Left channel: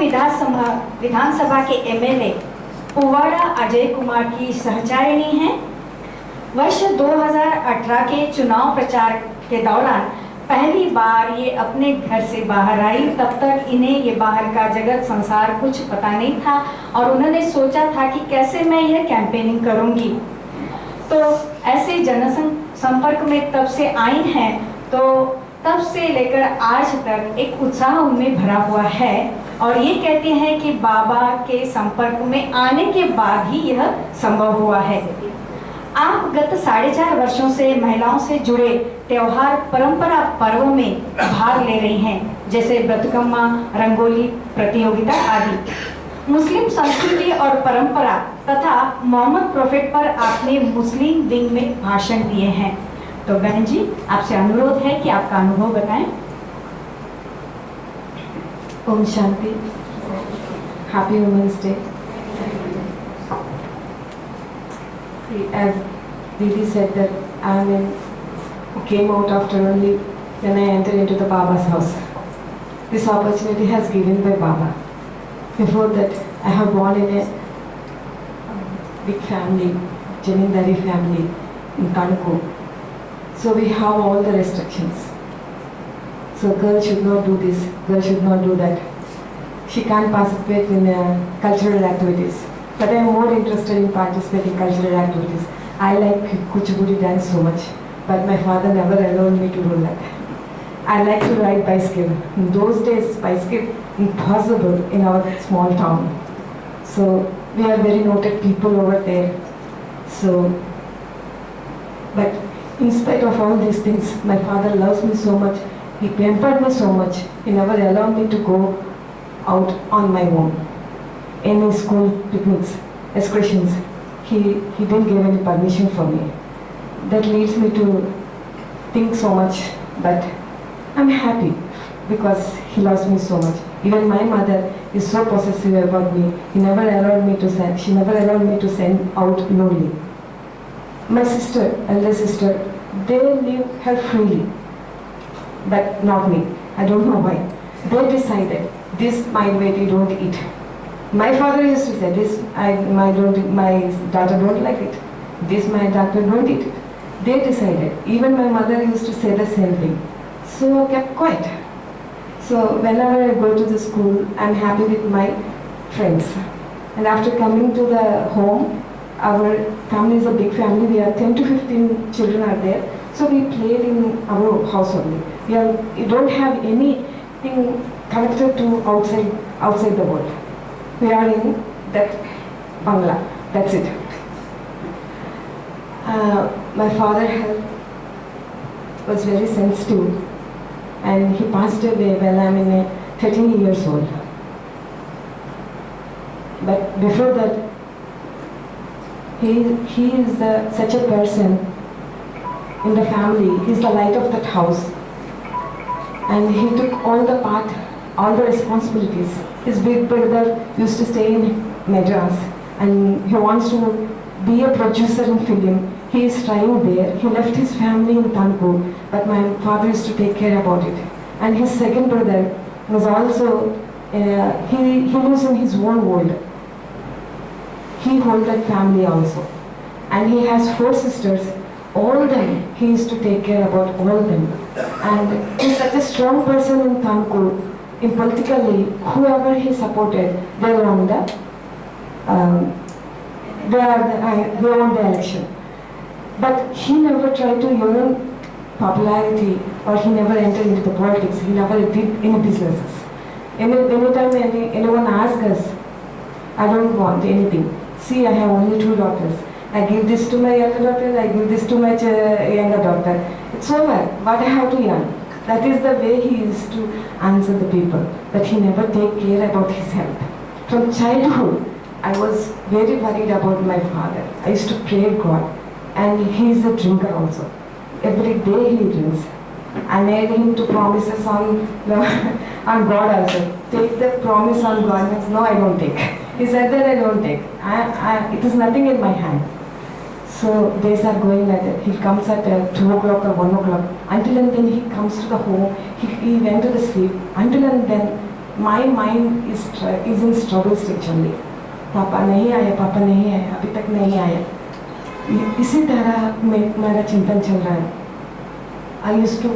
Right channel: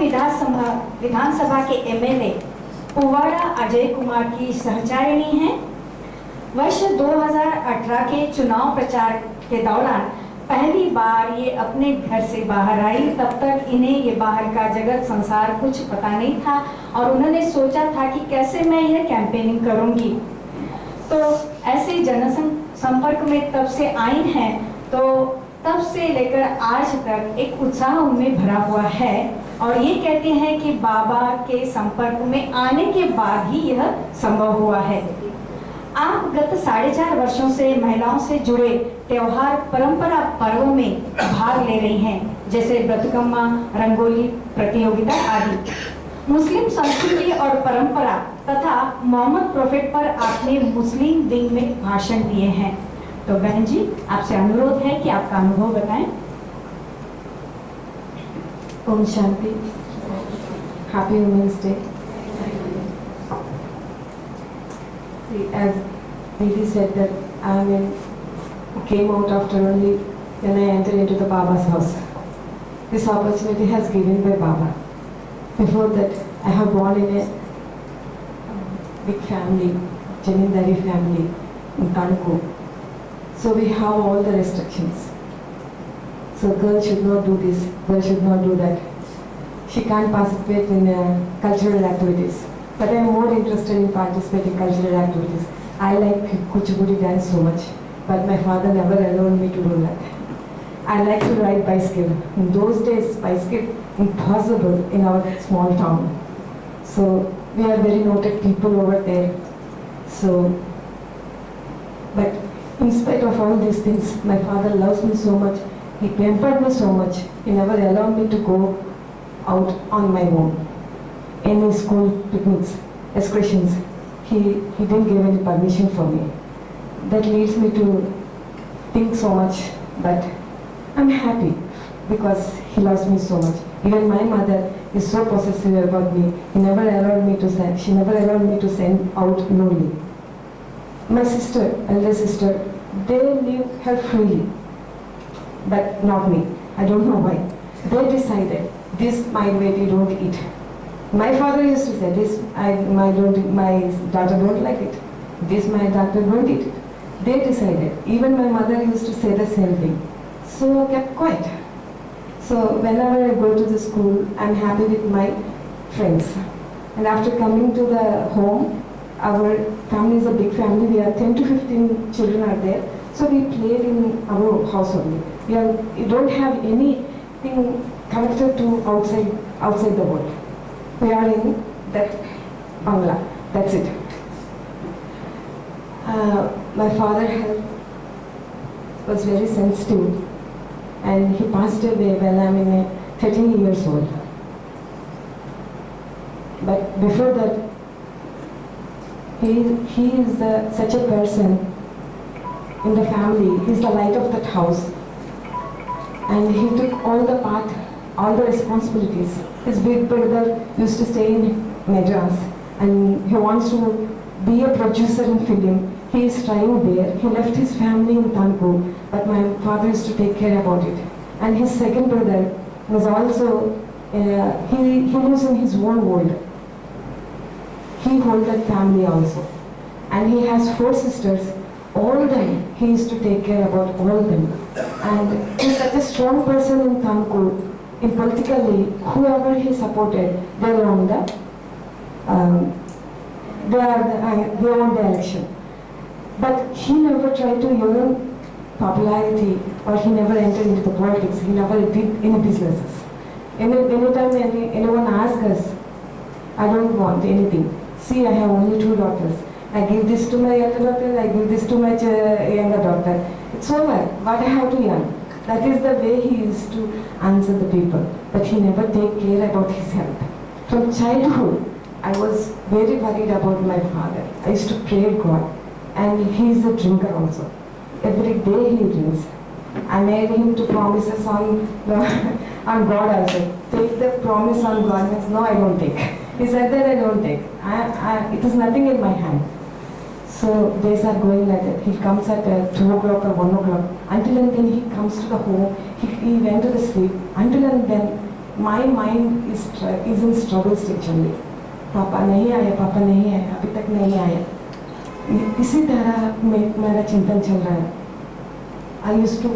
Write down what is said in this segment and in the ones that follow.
विधानसभा के एमएलए पुवाड़ा अजय कुमार की सहचारिणी हैं। वर्ष 2018 के चुनाव प्रचार के दौरान पहली बार ये अपने घर से बाहर आई। तब तक इन्हें ये बाहर का जगत संसार कुछ पता नहीं था और उन्होंने सोचा था कि कैसे मैं यह कैंपेनिंग करूंगी। तो ऐसे जनसंपर्क में तब से आई हैं, तो तब से लेकर आज तक एक उत्साह उनमें भरा हुआ है और ये कहते हैं कि बाबा के संपर्क में आने के बाद ही यह संभव हुआ है। आप गत 4.5 वर्षों से महिलाओं से जुड़े त्योहार परंपरा पर्वों में भाग ले रही हैं, जैसे बतुकम्मा, रंगोली प्रतियोगिता आदि। मुस्लिम संस्कृति और परंपरा तथा मोहम्मद प्रोफेट पर आपने मुस्लिम विंग में भाषण दिए हैं। तो बहन जी, आपसे अनुरोध है कि आपका अनुभव बताएं। ओम शांति। Happy women's day. As Didi said that came out after only when I entered into the Baba's house. This opportunity has given by Baba. Before that, I have born in a big family, Jamindari family in Kanku. So we have all the restrictions. So girl should not do this, girl should not do that. She can't participate in cultural activities. But I am more interested in participating in cultural activities. I like Kuchipudi dance so much, but my father never allowed me to do that. I like to ride bicycle. In those days, bicycle impossible in our small town. So we are very noted people over there. So, but in spite of all these things, my father loves me so much. He pampered me so much. He never allowed me to go out on my own. Any school picnics, excursions, he didn't give any permission for me. That leads me to think so much, but I'm happy because he loves me so much. Even my mother is so possessive about me. She never allowed me to send out lonely. My sister, elder sister, they leave her freely, but not me. I don't know why. They decided this my baby don't eat. My father used to say, this my daughter don't like it. This my daughter don't eat it. They decided. Even my mother used to say the same thing. So I kept quiet. So whenever I go to the school, I'm happy with my friends. And after coming to the home, our family is a big family. We are 10 to 15 children are there. So we played in our house only. We don't have anything connected to outside the world. We are in that Bangla. That's it. My father was very sensitive, and he passed away when I'm 13 years old. But before that, he is such a person in the family. He's the light of that house, and he took all the responsibilities. His big brother used to stay in Madras and he wants to be a producer in film. He is trying there. He left his family in Kanpur, but my father used to take care about it. And his second brother was also, he lives in his own world. He holds that family also. And he has 4 sisters. All them, he used to take care about all them. And he's such a strong person in Kanpur. In politically, whoever he supported, they won the election. But he never tried to earn popularity, or he never entered into the politics. He never did any businesses. Anytime anyone asks us, I don't want anything. See, I have only 2 daughters. I give this to my elder daughter, I give this to my younger daughter. It's over. What I have to earn. That is the way he used to answer the people, but he never take care about his health. From childhood, I was very worried about my father. I used to pray God, and he is a drinker also. Every day he drinks. I made him to promises on God also. Take the promise on God. Means, no, I don't take. He said that I don't take. It is nothing in my hand. So days are going like that. He comes at 2 o'clock or 1 o'clock. Until and then he comes to the home. He went to the sleep. Until and then my mind is in struggle stage only. पापा नहीं आया, पापा नहीं आया, अभी तक नहीं आया. इसी तरह मेरा चिंतन चल रहा है. I used to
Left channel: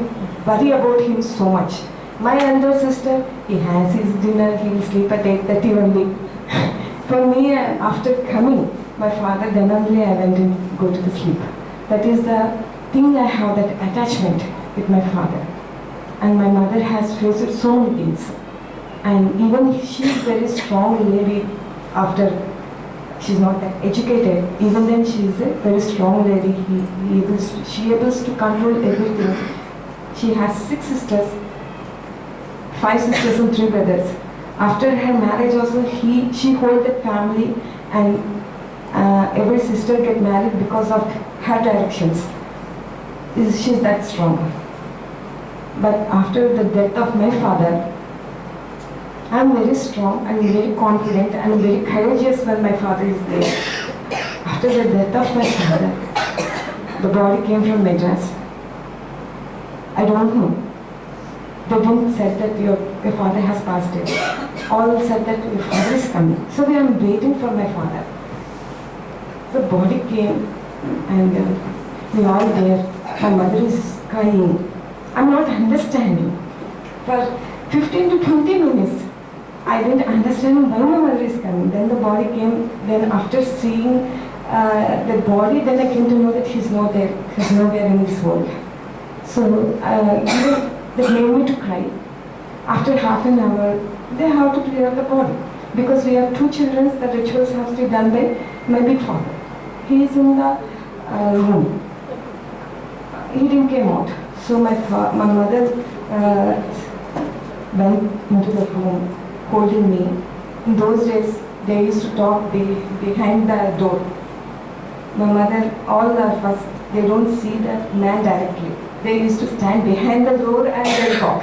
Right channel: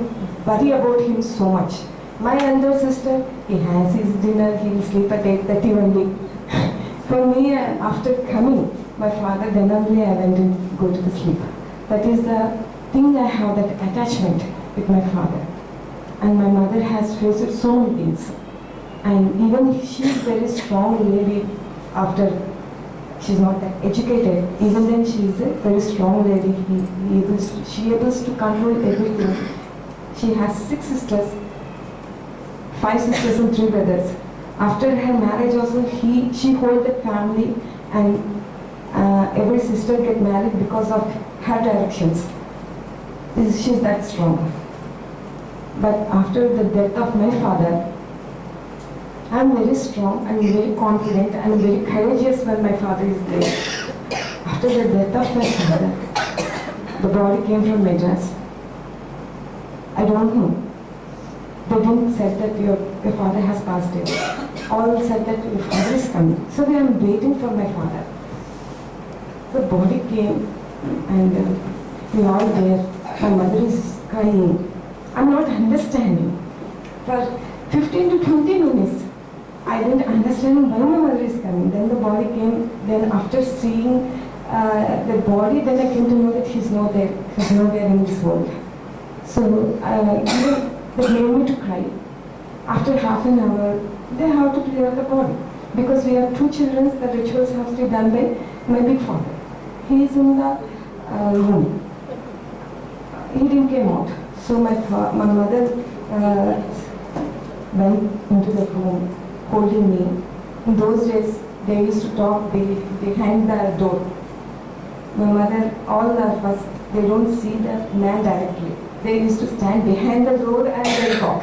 worry about him so much. My elder sister, he has his dinner, he will sleep at 8:30 only. For me, after coming, my father, then only I went and go to the sleep. That is the thing, I have that attachment with my father. And my mother has faced so many things. And even she is very strong lady after, she's not that educated, even then she is a very strong lady. She able to control everything. She has 6 sisters, 5 sisters and 3 brothers. After her marriage also, she hold the family, and every sister get married because of her directions. She's that strong. But after the death of my father, I'm very strong and very confident and very courageous when my father is there. After the death of my father, the body came from Madras. I don't know. They didn't say that your father has passed away. All said that your father is coming. So we are waiting for my father. The body came and we are there. My mother is crying. I'm not understanding. For 15 to 20 minutes, I didn't understand why my mother is coming. Then the body came. Then after seeing the body, then I came to know that he's not there. He's not there in this world. So they made me to cry. After half an hour, they have to clear the body. Because we have 2 children, the rituals have to be done by my big father. He is in the room. He didn't come out. So my mother went into the room holding me. In those days, they used to talk behind the door. My mother, all of us, they don't see the man directly. They used to stand behind the door and they talk.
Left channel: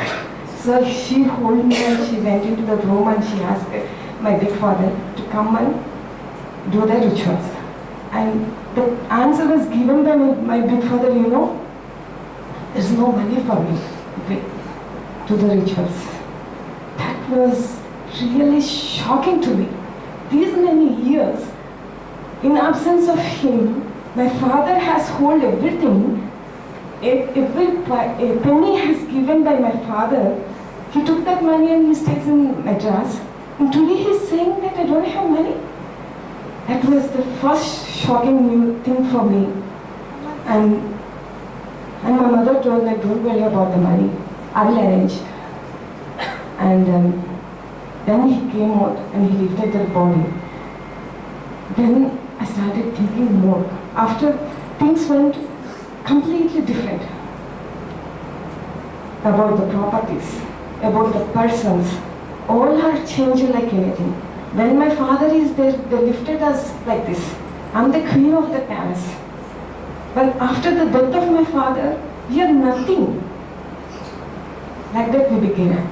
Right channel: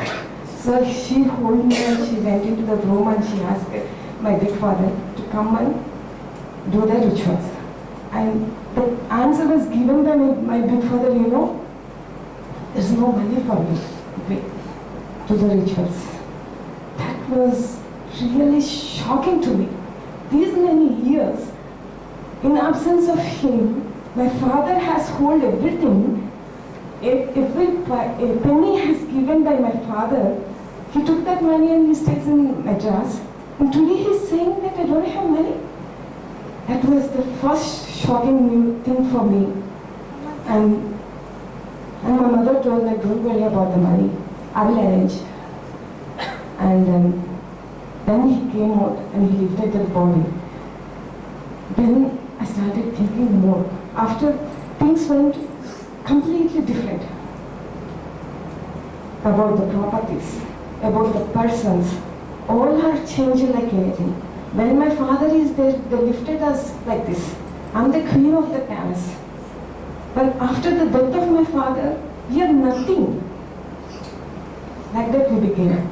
So she held me and she went into the room and she asked my big father to come and do the rituals. And the answer was given by my big father, there's no money for me to the rituals. That was really shocking to me. These many years, in absence of him, my father has held everything. Every penny has given by my father. He took that money and he stays in Madras. And today he's saying that I don't have money. That was the first shocking new thing for me. And my mother told me, don't worry about the money. I will arrange. And then he came out and he lifted the body. Then I started thinking more. After things went completely different about the properties, about the persons, all are changing like anything. When my father is there, they lifted us like this. I'm the queen of the palace. But after the death of my father, we are nothing. Like that we became.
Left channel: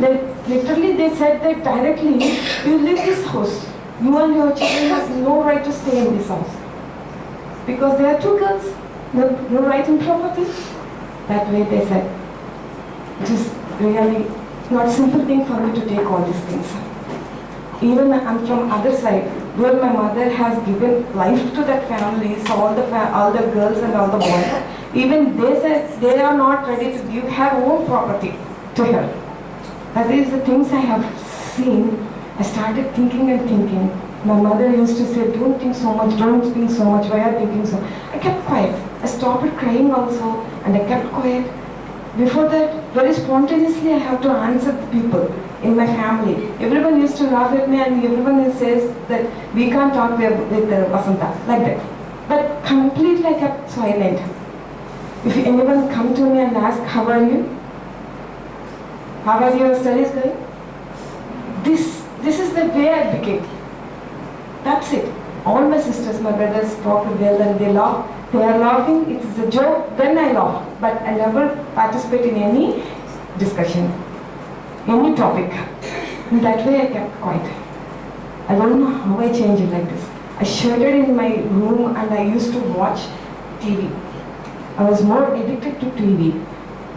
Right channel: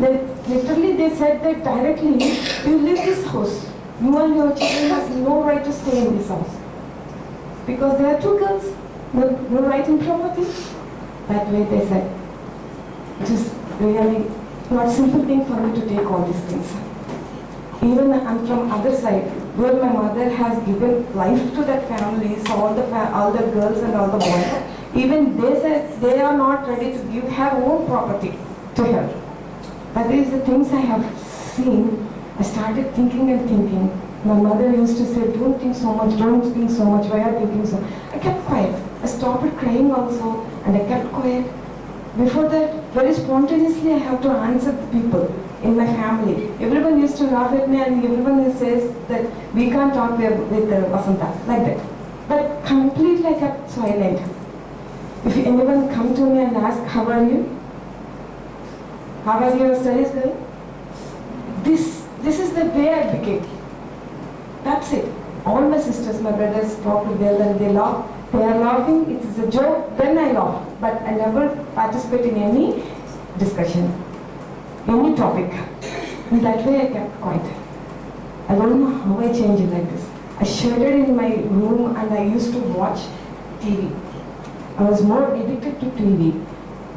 Literally they said that directly, you leave this house. You and your children has no right to stay in this house. Because there are 2 girls, no right in property. That way they said. It is really not simple thing for me to take all these things. Even I'm from other side, where my mother has given life to that family, so all the girls and all the boys, even they said they are not ready to give her own property to her. That is the things I have seen. I started thinking and thinking. My mother used to say, don't think so much, don't think so much, why are you thinking so? I kept quiet. I stopped crying also, and I kept quiet. Before that, very spontaneously, I have to answer the people in my family. Everyone used to laugh at me, and everyone says that we can't talk with Vasanta, like that. But completely I kept silent. If anyone come to me and ask, how are you? How are your studies going? This is the way I became. That's it. All my sisters, my brothers talk well and they laugh. They are laughing, it is a joke, then I laugh. But I never participate in any discussion, any topic. In that way I kept quiet. I don't know how I changed it like this. I shuttered in my room and I used to watch TV. I was more addicted to TV.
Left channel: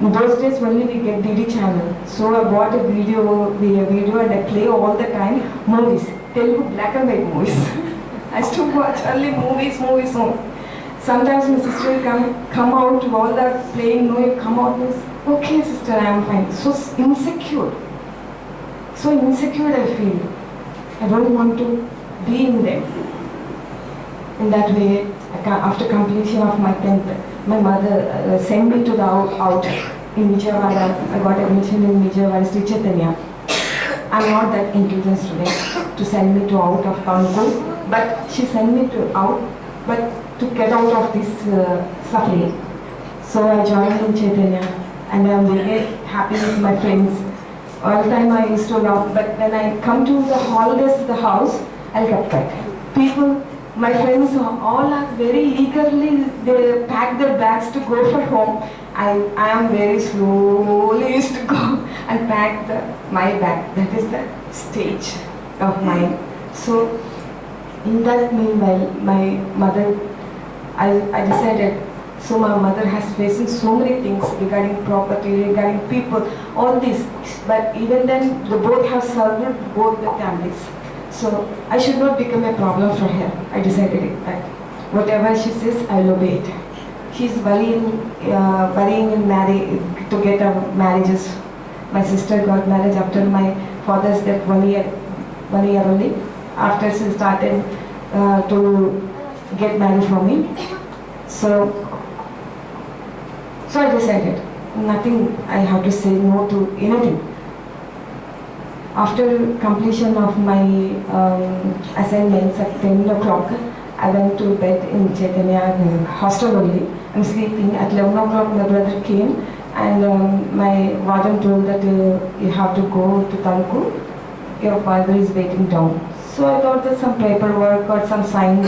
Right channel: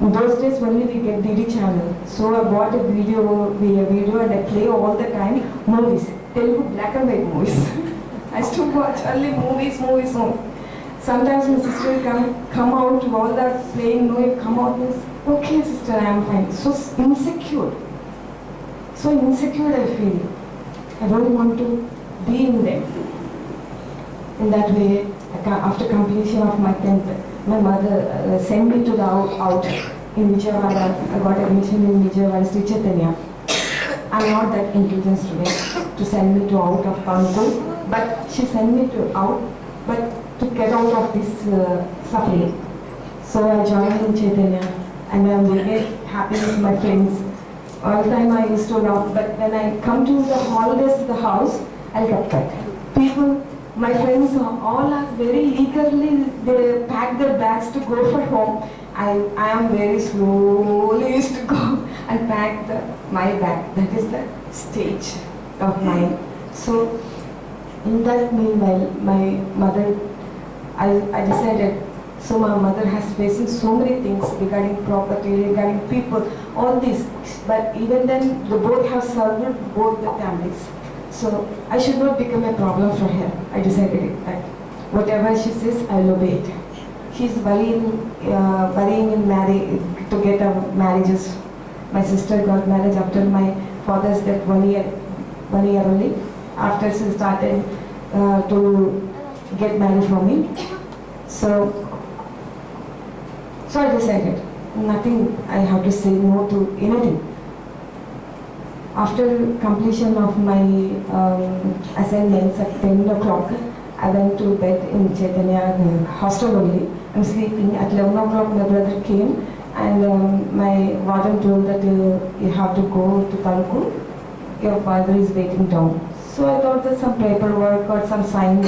In those days only we get Didi channel. So I bought a video and I play all the time movies, Telugu black and white movies. I used to watch only movies. Sometimes my sister will come out to all that playing, no, you come out and say, okay sister, I am fine. So insecure I feel. I don't want to be in them. In that way, after completion of my 10th, my mother sent me to the out in Vijayawada. I got admission in Vijayawada, Sri Chaitanya. I'm not that intelligent student to send me to out of Kanpur, but she sent me to out, but to get out of this suffering. So I joined in Chaitanya and I'm very happy with my friends. All the time I used to laugh, but when I come to the holidays to the house, I'll get quiet. People, my friends all are very eagerly, they pack their bags to go for home. I am very slowly used to go and pack my bag. That is the stage of mine. So in that meanwhile, my mother, I decided, so my mother has facing so many things regarding property, regarding people, all this. But even then, they both have served both the families. So I should not become a problem for her. I decided it, that whatever she says, I will obey it. She's worrying in marriage to get marriages. My sister got married after my father's death 1 year only. After she started to get married for me. So I decided, nothing I have to say no to anything. After completion of my assignments at 10 o'clock, I went to bed in Chaitanya hostel only. I'm sleeping. At 11 o'clock my brother came and my warden told that you have to go to Tanku. Your father is waiting down. So I thought that some paperwork or some signs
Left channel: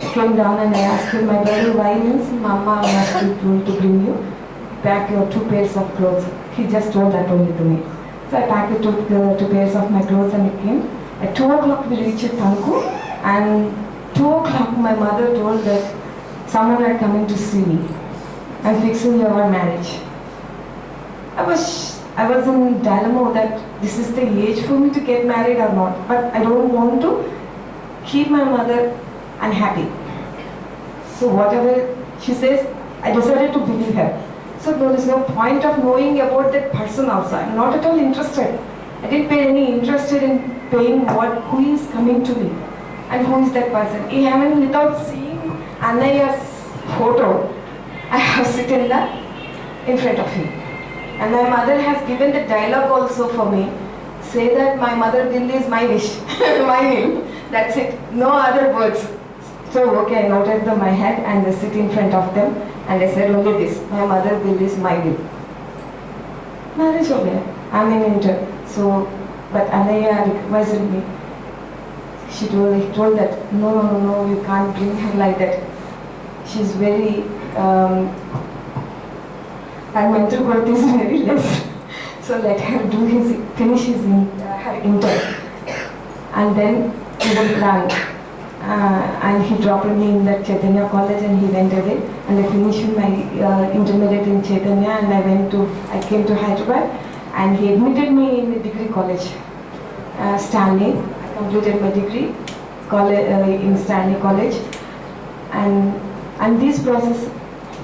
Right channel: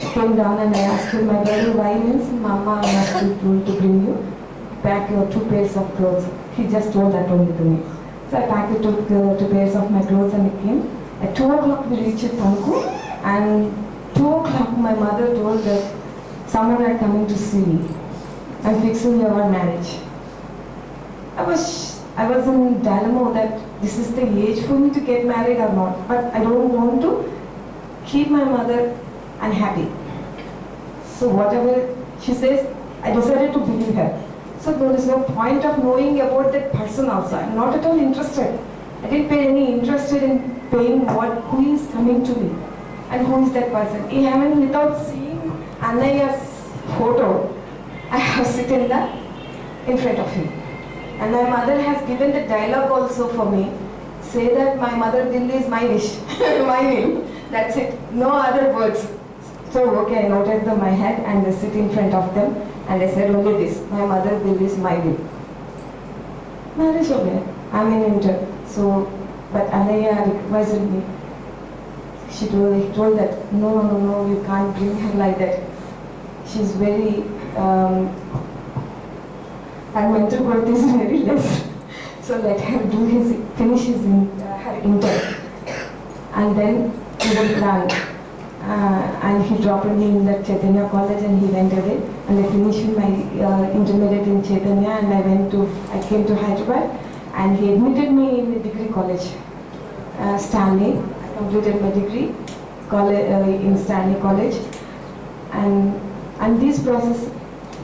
came down and I asked him, my brother, why? Means, Mama has told to bring you, pack your 2 pairs of clothes. He just told that only to me. So I packed the 2 pairs of my clothes and I came. At 2 o'clock we reached Tanku and 2 o'clock my mother told that someone had coming to see me and fixing your marriage. I was in dilemma that this is the age for me to get married or not, but I don't want to keep my mother unhappy. So whatever she says, I decided to believe her. So there is no point of knowing about that person also. I'm not at all interested. I didn't pay any interest in paying who is coming to me and who is that person. Even without seeing Annaya's photo, I have sitting in front of him. And my mother has given the dialogue also for me. Say that my mother will is my wish, my will. That's it. No other words. So okay, I noted my head and I sit in front of them and I said only this, my mother will is my will. Marriage okay. I'm in inter. So, but Anaya requested me. He told that no, you can't bring her like that. She's very her mental growth is very less. So let her finish her intern. And then he will plan. And he dropped me in that Chaitanya college and he went away. And I finished my intermediate in Chaitanya and I came to Hyderabad and he admitted me in the degree college, Stanley. I completed my degree in Stanley College. And this process,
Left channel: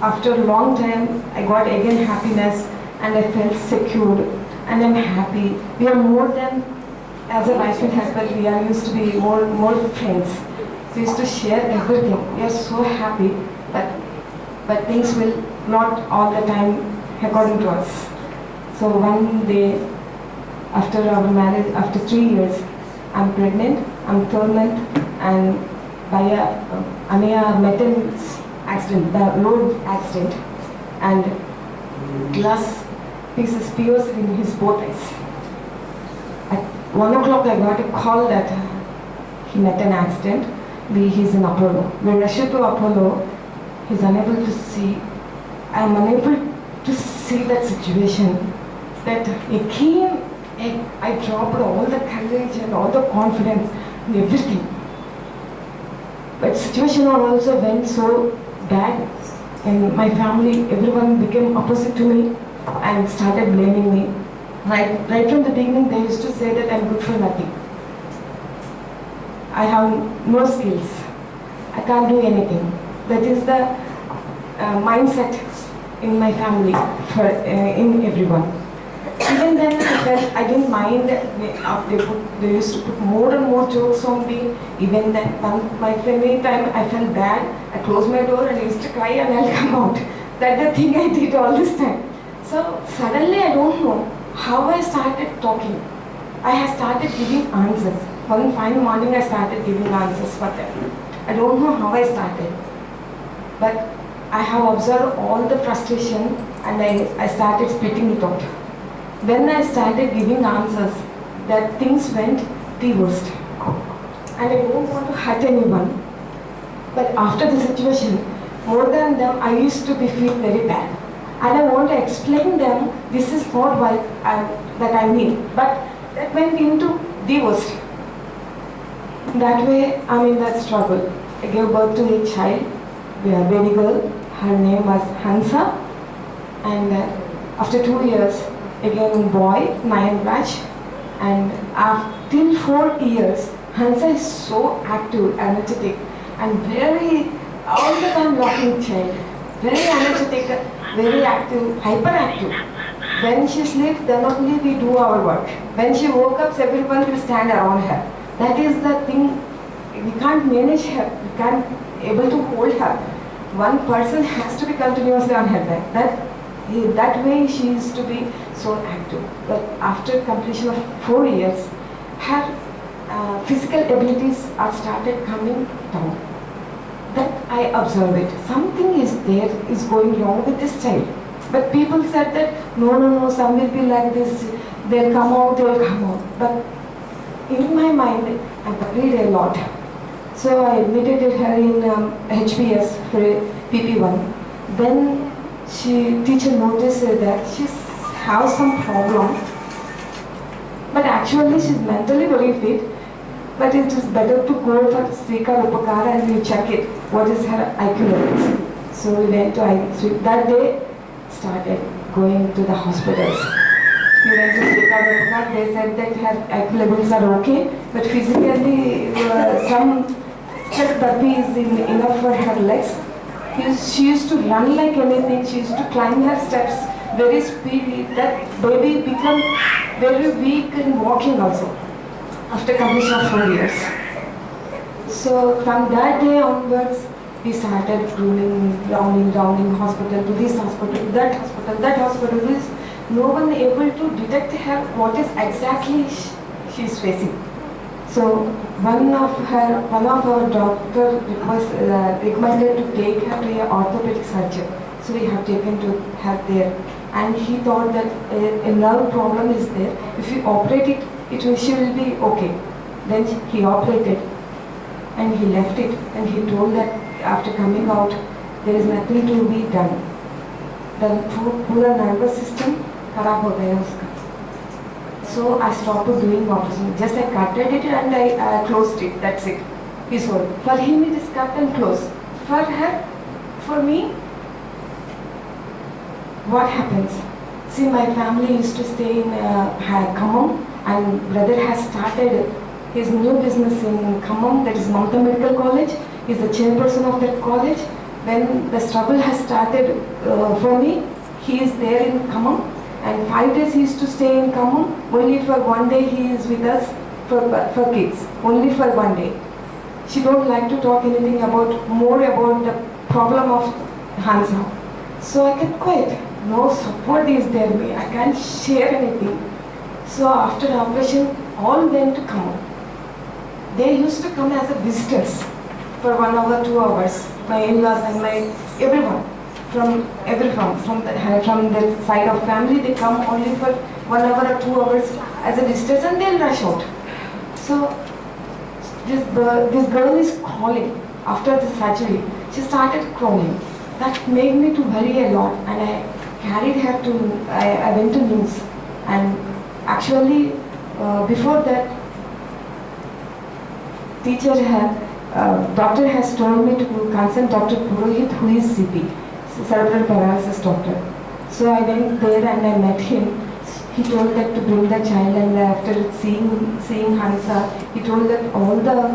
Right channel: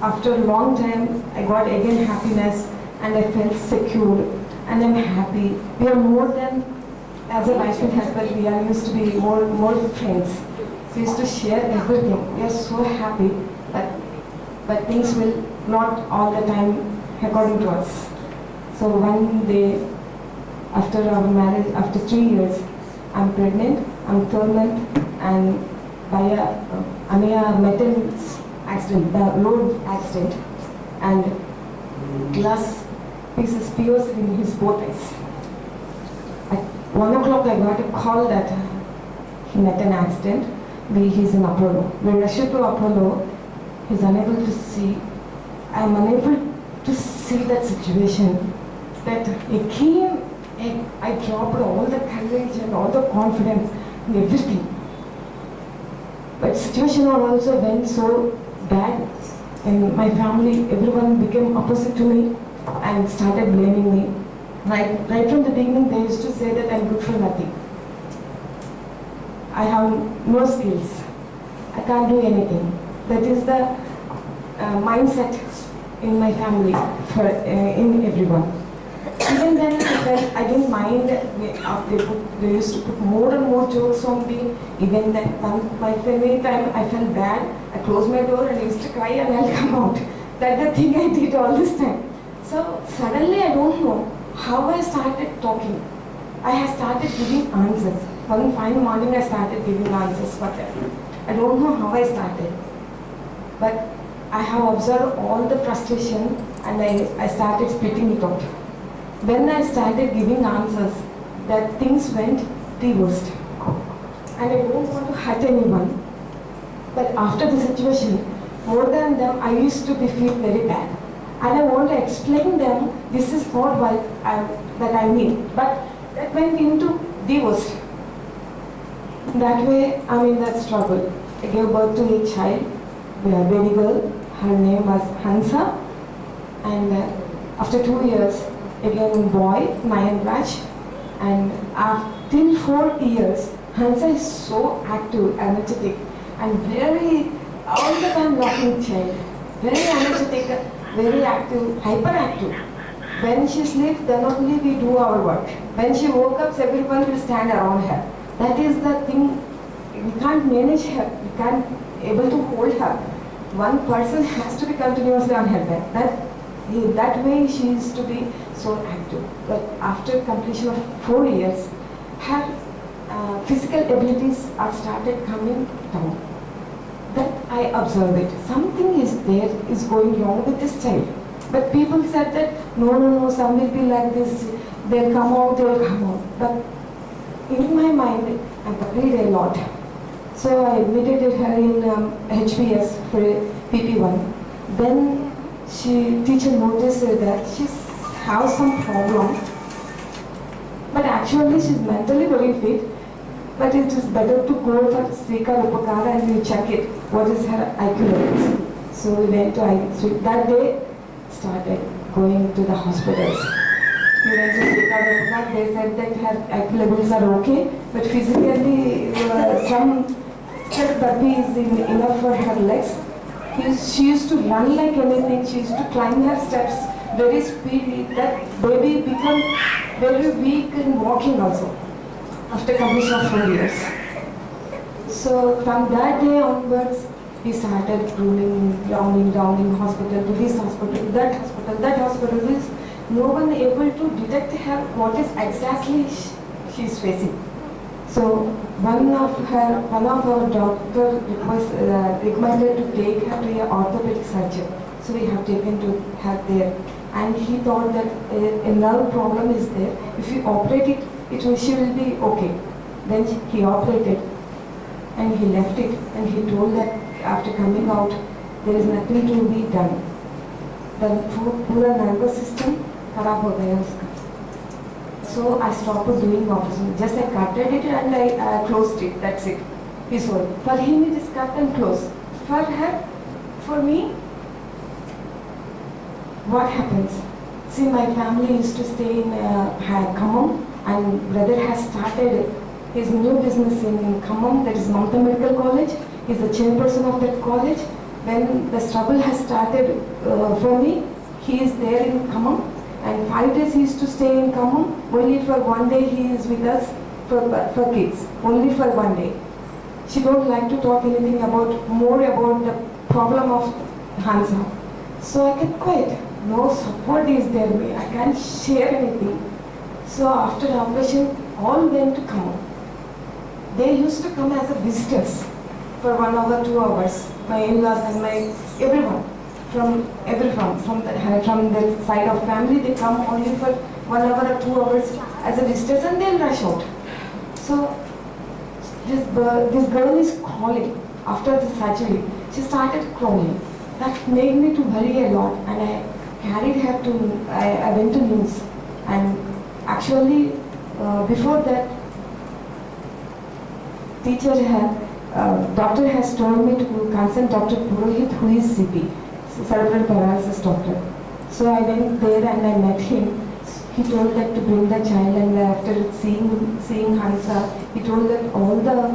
after a long time, I got again happiness and I felt secure and I'm happy. We are more than, as a wife and husband, we are used to be more friends. We used to share everything. We are so happy, but things will not all the time according to us. So one day, after our marriage, after 3 years, I'm pregnant, I'm 3rd month, and by a metal accident, the road accident, and glass pieces pierced in his both eyes. At 1 o'clock, I got a call that he met an accident. He's in Apollo. We rushed to Apollo. He's unable to see. I'm unable to see that situation. That again, I dropped all the courage and all the confidence in everything. But situation also went so bad, and my family, everyone became opposite to me. and started blaming me. Right from the beginning, they used to say that I'm good for nothing. I have no skills. I can't do anything. That is the mindset in my family for in everyone. Even then, I didn't mind. They used to put more and more jokes on me. Even then, my family time I felt bad. I closed my door and I used to cry and I'll come out. That's the thing I did all this time. So suddenly, I don't know how I started talking. I have started giving answers. One fine morning, I started giving answers for them. I don't know how I started, but I have observed all the frustration and I started spitting it out. When I started giving answers, that things went the worst. And I don't want to hurt anyone. But after the situation, more than them, I used to feel very bad. And I want to explain them, this is not what I mean. But that went into the worst. That way, I'm in that struggle. I gave birth to a child, a baby girl. Her name was Hansa. And after 2 years, again boy, Nayan Raj. And till 4 years, Hansa is so active, energetic, and very, all the time laughing child. Very energetic, very active, hyperactive. When she sleeps, then only we do our work. When she woke up, everyone will stand around her. That is the thing, we can't manage her, we can't able to hold her. One person has to be continuously on her back. That way she used to be so active. But after completion of 4 years, her physical abilities are started coming down. That I observed it. Something is there, is going wrong with this child. But people said that, no, some will be like this, they'll come out. But in my mind, I worried a lot. So I admitted her in HPS for PP1. Then teacher noticed that she has some problem. But actually she's mentally very fit. But it is better to go for Srikar Upakara and we check it. What is her IQ levels? So we went to IQ. That day, started going to the hospitals. We went to Srikar Upakara. They said that her IQ levels are okay, but physically some therapy is enough for her legs. She used to run like anything. She used to climb her steps very speedy. That baby became very weak in walking also after completion of 4 years. So from that day onwards, we started rounding hospital to this hospital, that hospital. No one able to detect her what is exactly she is facing. So one of our doctor recommended to take her to an orthopedic surgeon. So we have taken to her there, and he thought that a nerve problem is there. If we operate it, she will be okay. Then he operated, and he left it, and he told that after coming out, there is nothing to be done. The पूरा nervous system खराब हो गया उसका. So I stopped doing operation. Just I cutted it and I closed it. That's it. He sold. For him it is cut and closed. For her, for me, what happens? See, my family used to stay in Khammam, and brother has started his new business in Khammam, that is Mamta Medical College. He is the chairperson of that college. When the struggle has started for me, he is there in Khammam. And 5 days he used to stay in Khammam. Only for 1 day he is with us for kids. Only for 1 day. She don't like to talk anything more about the problem of Hansa. So I kept quiet. No support is there. I can't share anything. So after the operation, all went to Khammam. They used to come as a visitors for 1 hour, 2 hours. My in-laws and everyone. From the side of family, they come only for 1 hour or 2 hours as a visitors, and they'll rush out. So this girl is crawling after the surgery. She started crawling. That made me to worry a lot, and I carried her to. I went to news, and actually before that, doctor has told me to consult Dr. Purohit, who is CP. Cerebral paralysis doctor. So I went there and I met him. He told that to bring the child, and after seeing Hansa, he told that all the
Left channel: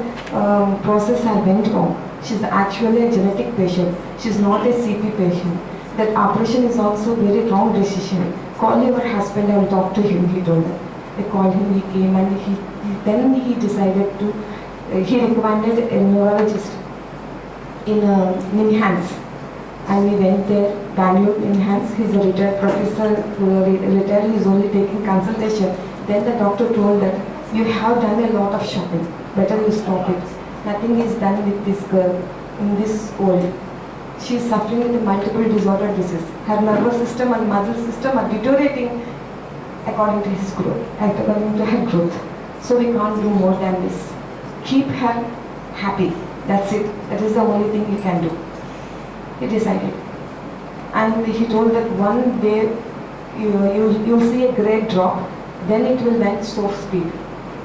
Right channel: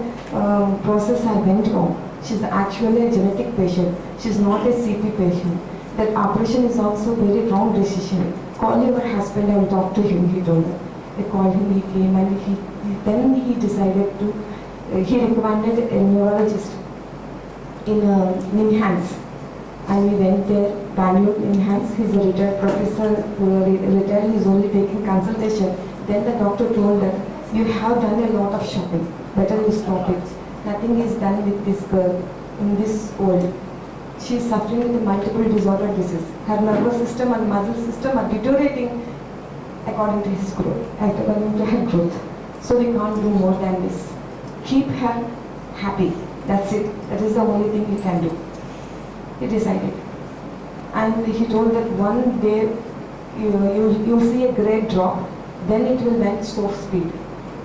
process I went wrong. She's actually a genetic patient. She's not a CP patient. That operation is also very wrong decision. Call your husband and talk to him, he told her. They called him, he came, and then he decided to, he recommended a neurologist in Ninhans. And we went there, Bangalore, Ninhans. He's a retired professor, retired, he's only taking consultation. Then the doctor told that, you have done a lot of shopping, better you stop it. Nothing is done with this girl in this world. She is suffering with multiple disorder disease. Her nervous system and muscle system are deteriorating according to his growth, according to her growth. So we can't do more than this. Keep her happy. That's it. That is the only thing we can do. He decided. And he told that one day you'll see a great drop, then it will went so speed.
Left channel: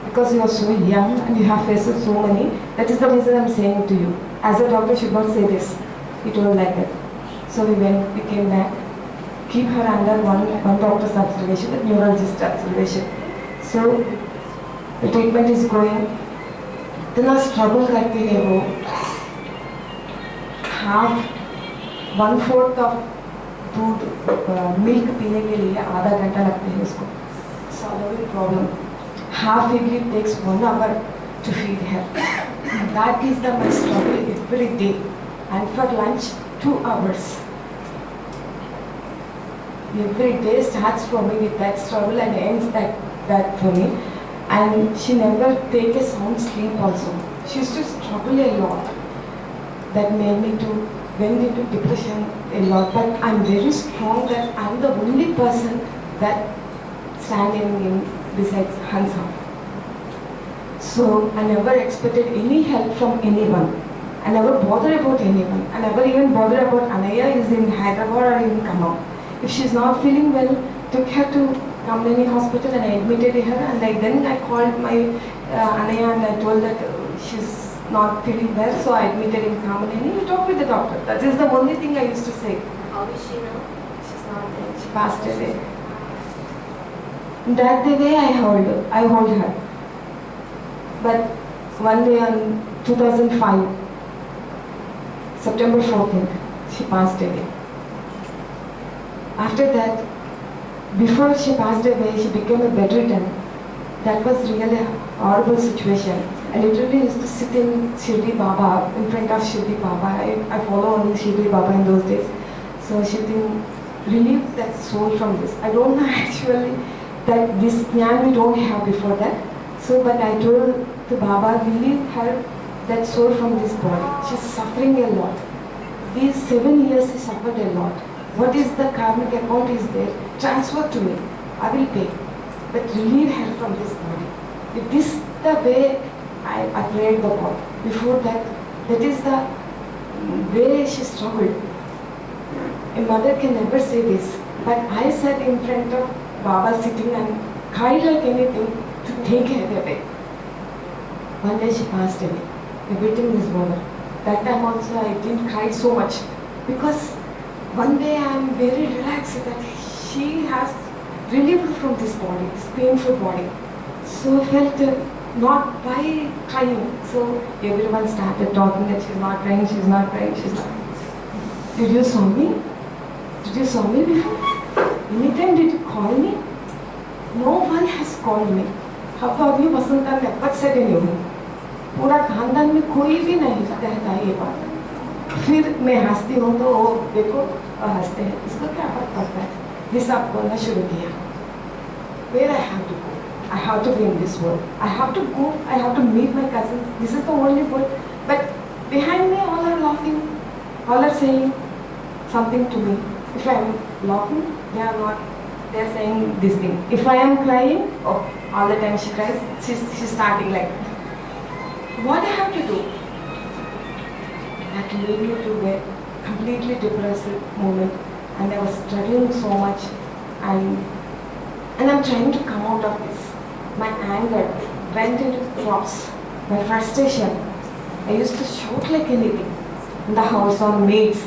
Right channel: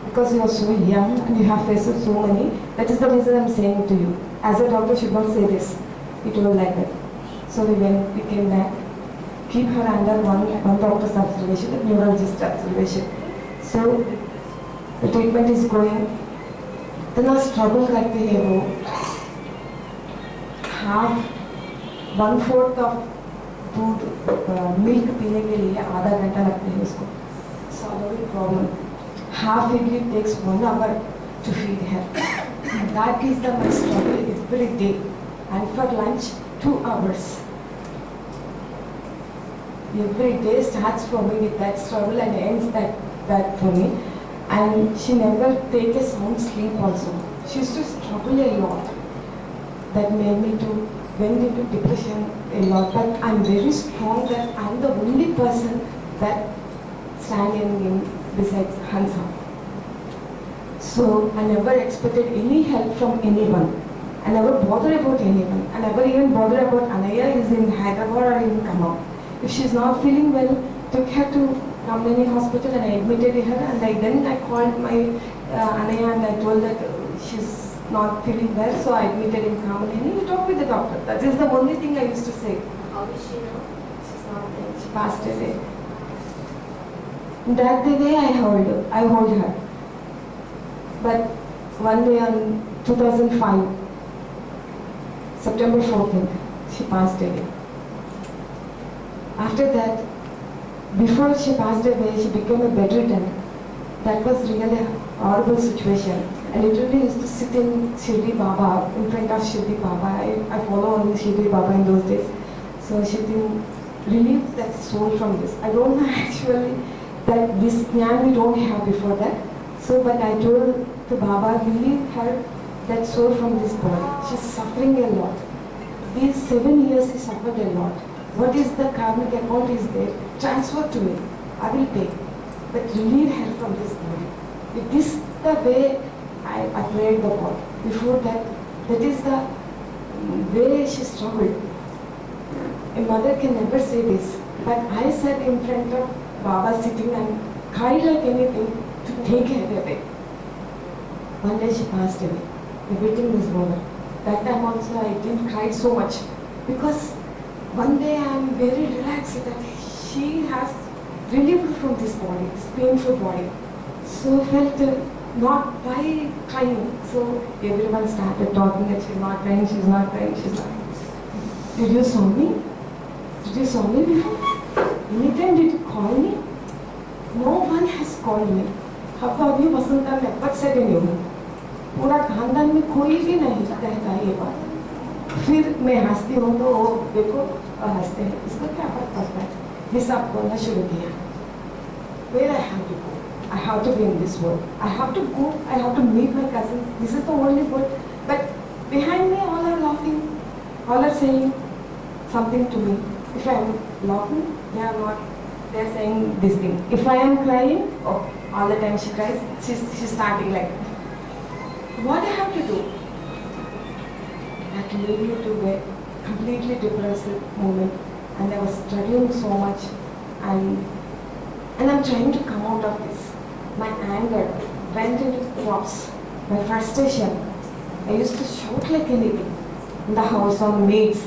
Because you are so young and you have faced so many, that is the reason I'm saying to you. As a doctor should not say this. He told like that. So we came back, keep her under one doctor's observation, the neurologist observation. So the treatment is going. Then I struggle करते हैं वो half 1/4 of दूध milk पीने के लिए आधा घंटा लगता है उसको. Swallowing problem. Half idli takes 1 hour to feed her. That is my struggle every day. And for lunch, 2 hours. Every day starts for me with that struggle and ends that for me. And she never take a sound sleep also. She used to struggle a lot. That made me to went into depression a lot. But I'm very strong that I'm the only person that standing besides Hansa. So I never expected any help from anyone. I never bother about anyone. I never even bother about Anaya is in Hyderabad or in Kamau. If she's not feeling well, took her to Kamlani hospital and I admitted her, and then I called my Anaya and I told that she's not feeling well, so I admitted in Kamlani. You talk with the doctor. That is the only thing I used to say. How is she now? She's not there. She passed away. That the way I hold her. But one day on 2005, September 14th, she passed away. After that, before she passed away, she became a bedridden. That was really a horrible situation. I literally used to sit in Shirdi Baba, in front of Shirdi Baba. I follow only Shirdi Baba in those days. So she didn't relieve that soul from this. I don't know actually that this jnana we don't have before that. So, but I told to Baba, relieve her that soul from this body. She's suffering a lot. These 7 years she suffered a lot. What is the karmic account is there? Transfer to me. I will pay. But relieve her from this body. If this the way I prayed the God. Before that, that is the way she struggled. A mother can never say this. But I sat in front of Baba sitting and cried like anything to take her away. One day she passed away. Everything is over. That time also I didn't cry so much because one day I am very relaxed that she has relieved from this body, this painful body. So I felt not by crying. So everyone started talking that she's not crying, she's not crying, she's not crying. Did you saw me? Did you saw me before? Anytime did you call me? No one has called me. अब तो अभी वसंता में अब से नहीं हुई. पूरा खानदान में कोई भी नहीं कहता ये बात. फिर मैं हंसती हूँ तो वो देखो हंसते हैं. इसको क्या फर्क पड़ता है? हिसाब बोलना शुरू किया. Where I have to go? I have to be in this world. I have to go. I have to meet my cousins. This is the only world. But behind me, all are laughing. All are saying something to me. If I am laughing, they are not. They are saying this thing. If I am crying, oh, all the time she cries. She's starting like that. What I have to do? That led me to a completely depressed moment, and I was struggling so much, and I'm trying to come out of this. My anger went into drops. My frustration. I used to shout like anything in the house on maids.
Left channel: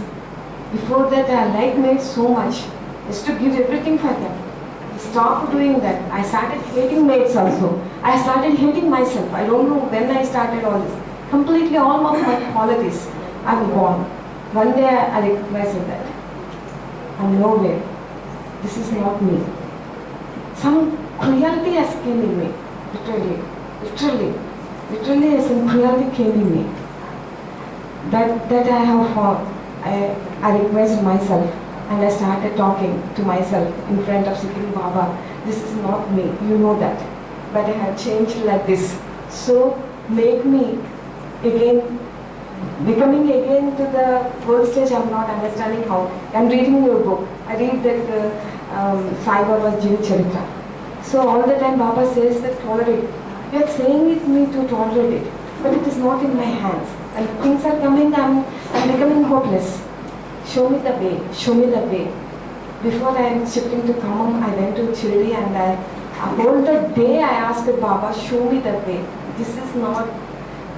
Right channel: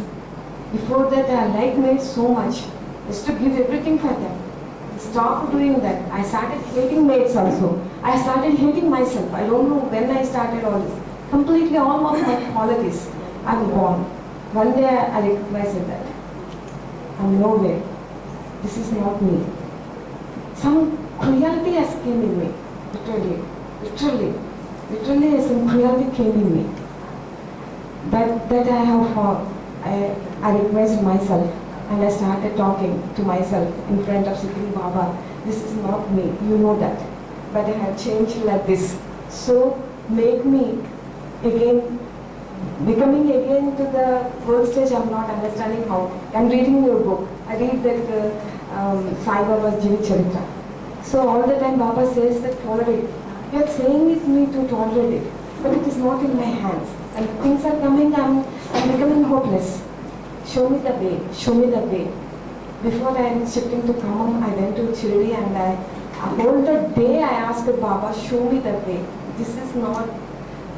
Before that, I liked maids so much. I used to give everything for them. I stopped doing that. I started hating mates also. I started hating myself. I don't know when I started all this. Completely all of my qualities I'm gone. One day I recognized that. I'm nowhere. This is not me. Some cruelty has came in me. Literally some cruelty came in me. That I have found. I recognized myself and I started talking to myself in front of sitting Baba. This is not me, you know that. But I have changed like this. So make me again, becoming again to the world stage. I'm not understanding how. I'm reading your book. I read that Sai Baba's Jeev Charitra. So all the time Baba says that tolerate. You are saying with me to tolerate it, but it is not in my hands. And things are coming, I'm becoming hopeless. Show me the way, show me the way. Before I am shifting to Khammam, I went to Chirdi and whole the day I asked Baba, show me the way. This is not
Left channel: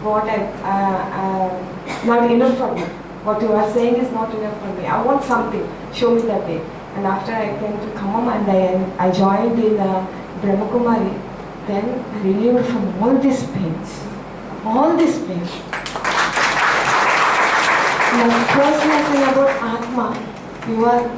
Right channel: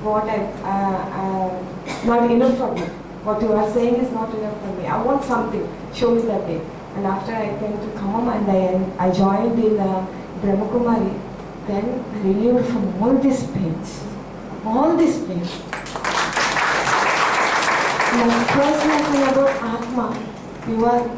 what not enough for me. What you are saying is not enough for me. I want something, show me the way. And after I came to Khammam and I joined in Brahma Kumari, then I relieved from all these pains. All these pains. My first lesson about Atma,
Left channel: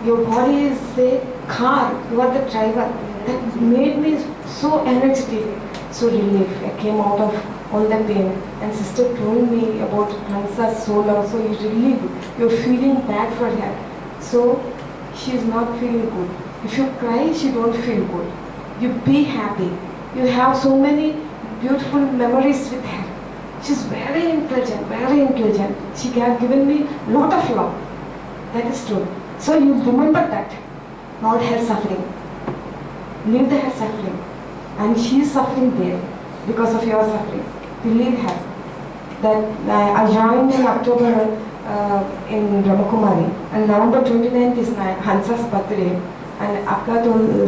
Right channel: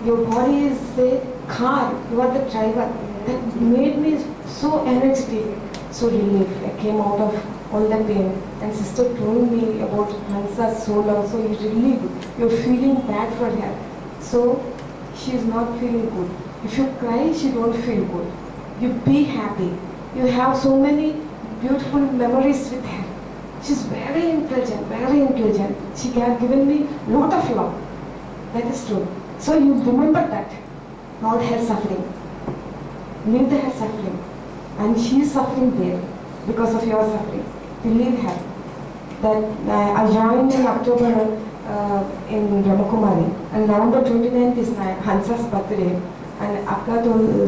your body is a car, you are the driver. That made me so energetic, so relieved. I came out of all the pain. And sister told me about Hansa's soul also, you relieved. You're feeling bad for her. So she is not feeling good. If you cry, she don't feel good. You be happy. You have so many beautiful memories with her. She's very intelligent, very intelligent. She has given me a lot of love. That is true. So you remember that. Not her suffering. Leave her suffering. And she is suffering there because of your suffering. You leave her. That I joined in October in Brahmakumari. And November 29th is my Hansa's birthday. And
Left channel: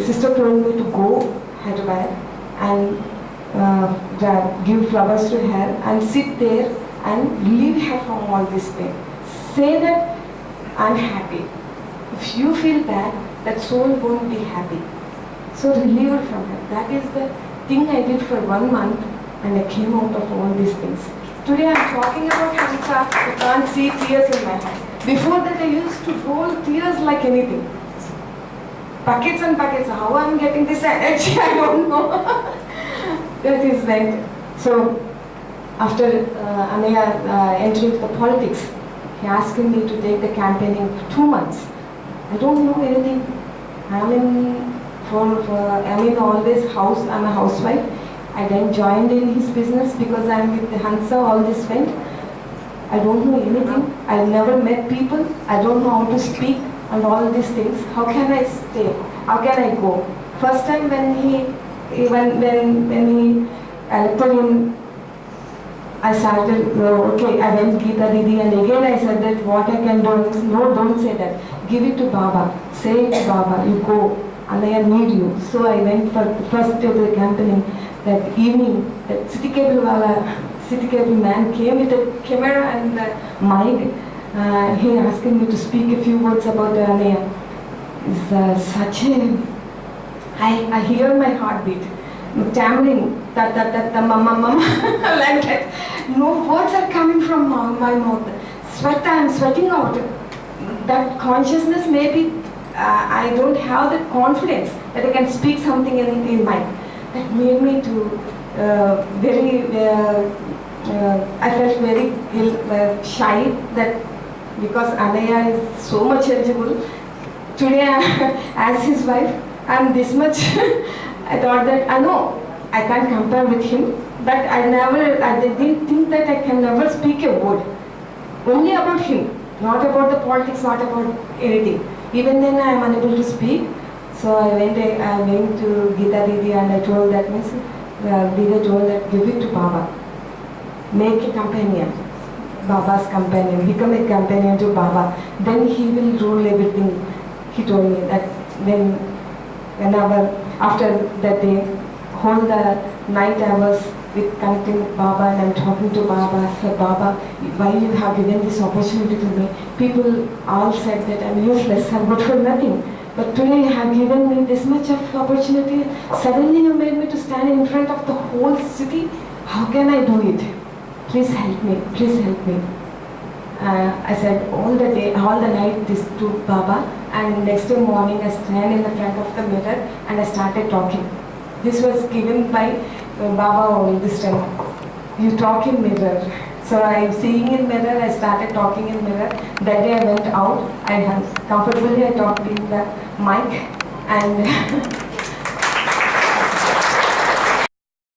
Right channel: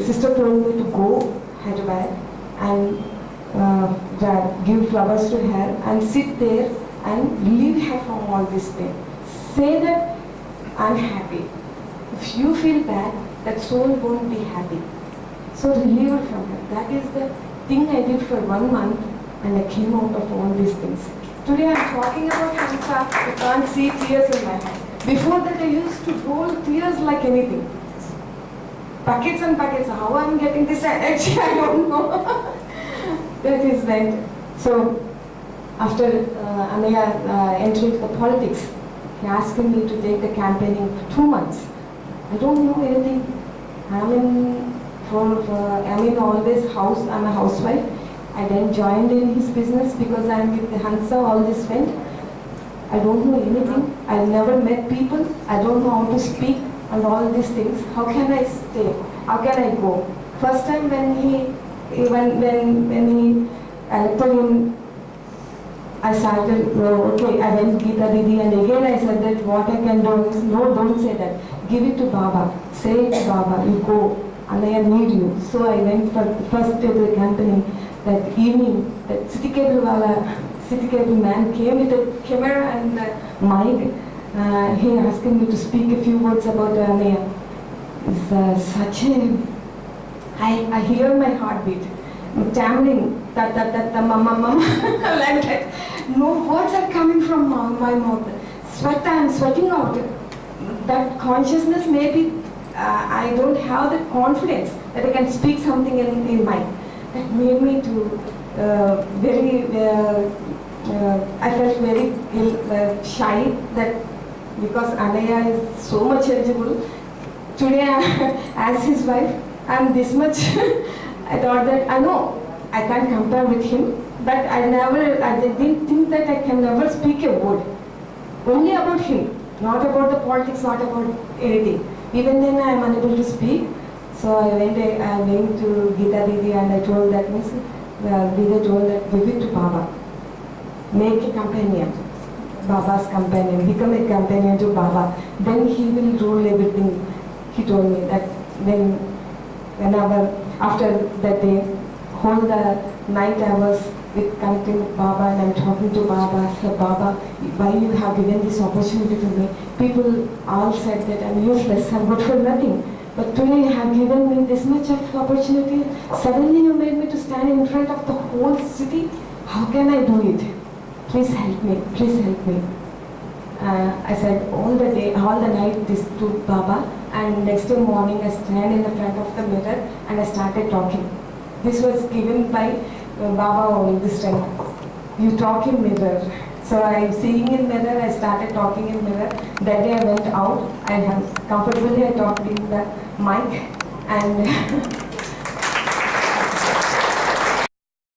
sister told me to go Hyderabad and give flowers to her and sit there and relieve her from all this pain. Say that I'm happy. If you feel bad, that soul won't be happy. So relieve her from her. That is the thing I did for 1 month and I came out of all these things. Today I'm talking about Hansa. I can't see tears in my eyes. Before that I used to roll tears like anything. Buckets and buckets. How I'm getting this energy, I don't know. That is right. So, after Anaya entering the politics, he asked me to take the campaigning for 2 months. I don't know anything. I'm in always house. I'm a housewife. I then joined in his business because I'm with the Hansa. All this went. I don't know anything. I've never met people. I don't know how to speak and all these things. How can I stay? How can I go? First time when he elected him, I started, okay, I went to Geeta Didi and again I said that what I can do is, no, don't say that. Give it to Baba. Say it to Baba. You go. And I need you. So I went for the first day of the campaigning. That evening, that city cable man came with a camera and a mic. He asked me to speak a few words about Anaya. It's such a... I hear my heartbeat. Tammering, mama, like that. No words are coming from my mouth. I'm sweating out. That consciousness, maybe I don't have that confidence that I can speak something in mic. That made me to I felt very shy that because Anaya is so much eligible. Today, as his wife, I'm this much. I thought that I know I can't compare with him, but I didn't think that I can never speak a word. Only about him, not about the politics, not about anything. Even then, I am unable to speak. So I went to Geeta Didi and I told that, Didi told that give it to Baba. Make a companion, Baba's companion, become a companion to Baba. Then he will rule everything. He told me that whenever, after that day, whole the night I was connecting with Baba and I'm talking to Baba. I said, Baba, why you have given this opportunity to me? People all said that I'm useless, I'm good for nothing. But today you have given me this much of opportunity. Suddenly you made me to stand in front of the whole city. How can I do it? Please help me. Please help me. I said all the day, all the night this to Baba, and next day morning I stand in the front of the mirror and I started talking. This was given by Baba only this time. You talk in mirror. So I seeing in mirror, I started talking in mirror. That day I went out, I comfortably I talked in the mic and